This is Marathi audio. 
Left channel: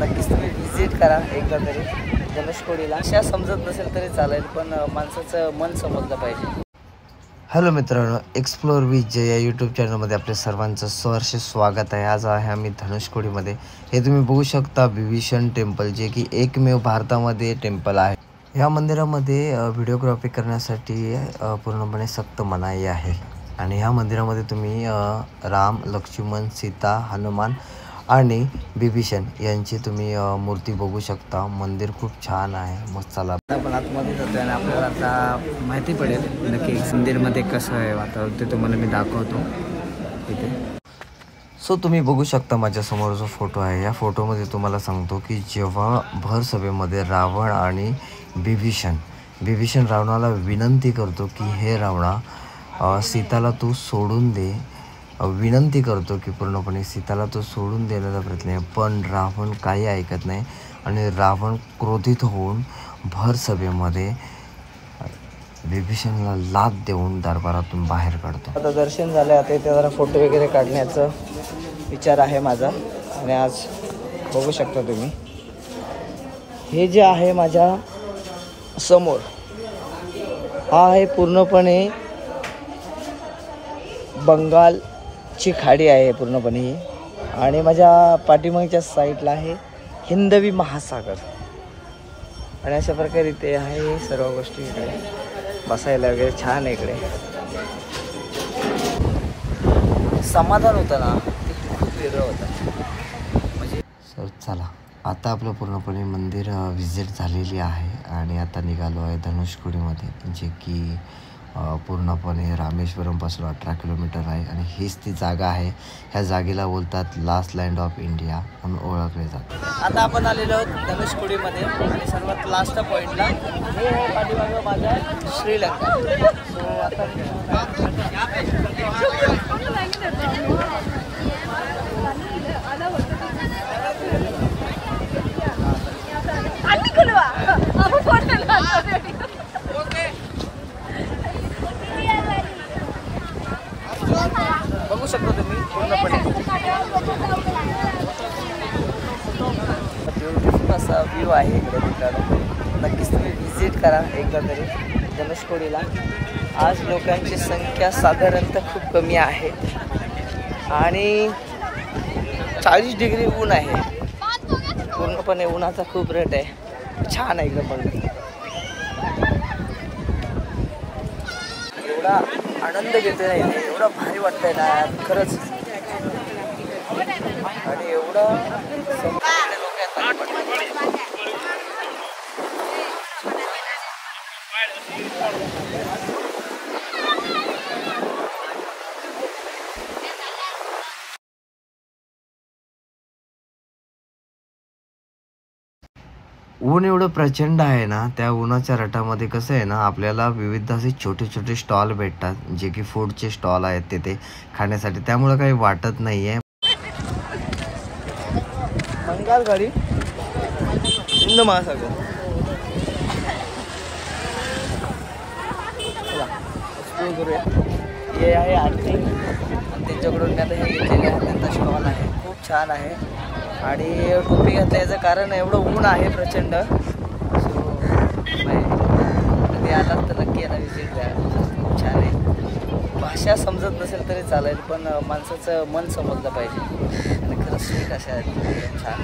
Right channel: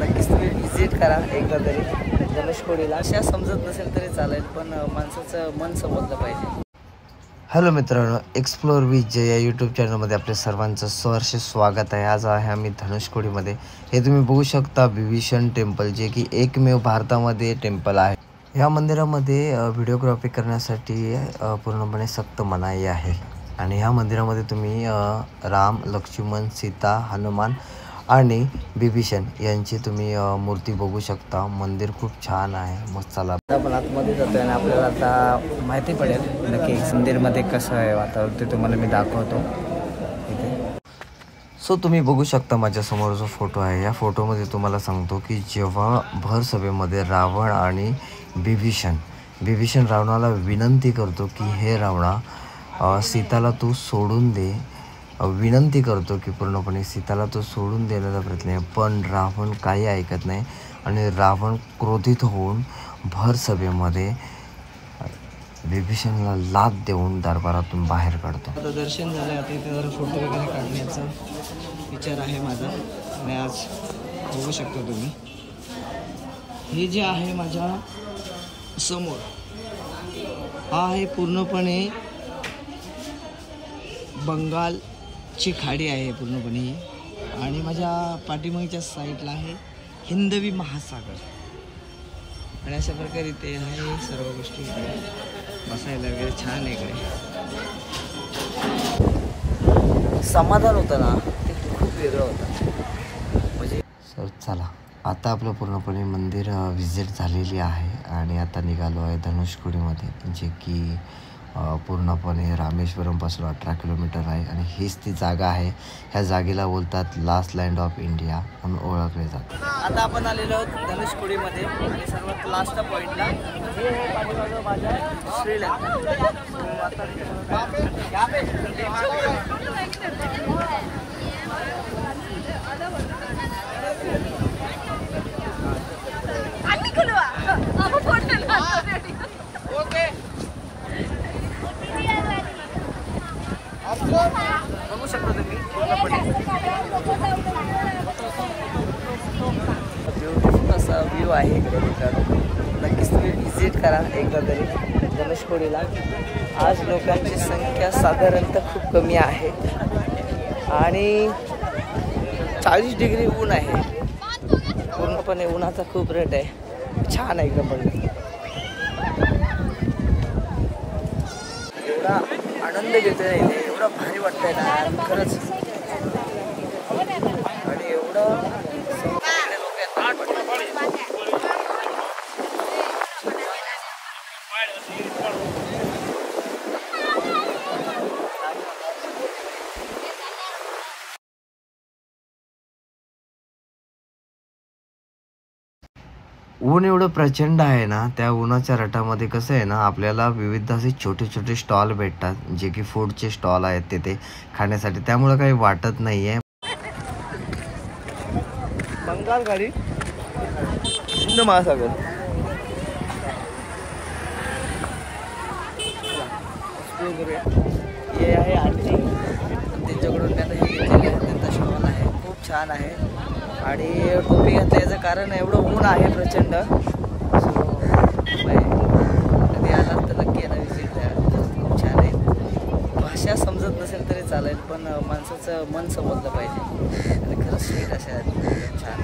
नक्कीच तुम्ही व्हिजिट करा एकदा तरी धनुषकोडीला. अशा समजत नसेल तरी चालेल, पण माणसाचं मन समजलं पाहिजे. हॅलो मित्रांनो, एक्सप्लोर विथ जय या यूट्यूब चॅनलमध्ये आपल्या सर्वांचं सहर्ष स्वागत आहे. आज आहे आम्ही धनुषकोडीमध्ये. हे तुम्ही बघू शकता विभीषण टेम्पल, जे की एकमेव भारतामध्ये टेम्पल आहे. ह्या मंदिरामध्ये व्हिडिओग्राफी करण्यासाठी पूर्णपणे सक्त मनाई आहे. आणि ह्या मंदिरामध्ये तुम्ही राम, लक्ष्मण, सीता, हनुमान आणि विभीषण यांची तुम्ही मूर्ती बघू शकता. मंदिर खूप छान आहे, मस्त. चला आपण आतमध्ये जातोय आणि आपल्याला आता माहिती पडेल नक्की मंदिरमध्ये कसं आहे वातावरण, ते तुम्हाला मी दाखवतो इथे. सो तुम्ही बघू शकता माझ्यासमोर जो फोटो आहे, या फोटोमध्ये तुम्हाला सांगतो की जेव्हा भर सभेमध्ये रावण आणि विभीषण रावणाला विनंती करतो की हे रावणा, सीताला तू सोडून दे, विनंती करतो की पूर्णपणे सीताला तो सोडून देण्याचा प्रयत्न आहे, पण रावण काही ऐकत नाही आणि रावण क्रोधित होऊन भर सभेमध्ये विभीषणला लाथ देऊन दरबारातून बाहेर काढतो. आता दर्शन झालं, आता इथे जरा फोटो वगैरे काढण्याचा विचार आहे माझा. आणि आज बघू शकता तुम्ही, हे जे आहे माझ्या समोर, हा आहे पूर्णपणे बंगालची खाडी आहे पूर्णपणे ही. आणि माझ्या पाठीमागच्या साईडला आहे हिंदवी महासागर. आणि अशा प्रकारे इथे आहे सर्व गोष्टी. इकडे बसायला वगैरे छान आहे. इकडे समाधान होतं ना, ते खूप वेगळं होतं म्हणजे. सर चला, आता आपलं पूर्णपणे मंदिर व्हिजिट झालेली आहे आणि आता निघालो आहे धनुषकोडीमध्ये, जे की पूर्णपणे रामेश्वरमपासून 18 किलोमीटर आहे. आणि हीच ती जागा आहे. ह्या जागेला बोलतात लास्ट लँड ऑफ इंडिया म्हणून ओळखले जाते. आता आपण आलेलो आहोत धनुषकोडीमध्ये आणि सर्वात लास्ट पॉईंटला. हे पाठीमागं माझ्या श्रीलंका. सो आता बघू शकता तुम्ही ब्युटिफुल असा व्ह्यू आहे इकडे मित्रांनो. नक्कीच तुम्ही व्हिजिट करा एकदा तरी धनुषकोडीला. आज लोकांची संख्या साधारणतः खूप कमी आहे आणि 40 डिग्री ऊन आहे. पूर्णपणे उन्हाचा खूप रेट आहे. छान आहे एकदम बघा. एवढा आनंद घेतोय ना इथे, एवढं भारी वाटतंय ना खरंच. आणि एवढं लोक आहेत माझ्या पाठी. ऊन एवढं प्रचंड आहे ना, त्या उन्हाच्या रटामध्ये कसं आहे ना, आपल्याला विविध असे छोटे छोटे स्टॉल भेटतात, जे की फूडचे स्टॉल आहेत तिथे खाण्यासाठी. त्यामुळे काही वाटत नाही आहे. बंगाल गाडी, हिंद महासागर. चला एक्सप्लोर करूया. हे आहे आंटी आणि त्यांच्याकडून मी आता हे त्यांचा स्टॉल आहे, खूप छान आहे. आणि टोपी घातलं याचं कारण एवढं ऊन आहे प्रचंड. कधी आलात तर नक्की याला व्हिजिट द्या, खूप छान आहे. भाषा समजत नसेल तरी चालेल, पण माणसाचं मन समजलं पाहिजे. आणि खरंच स्वीट अशा आहेत, एकदम छान.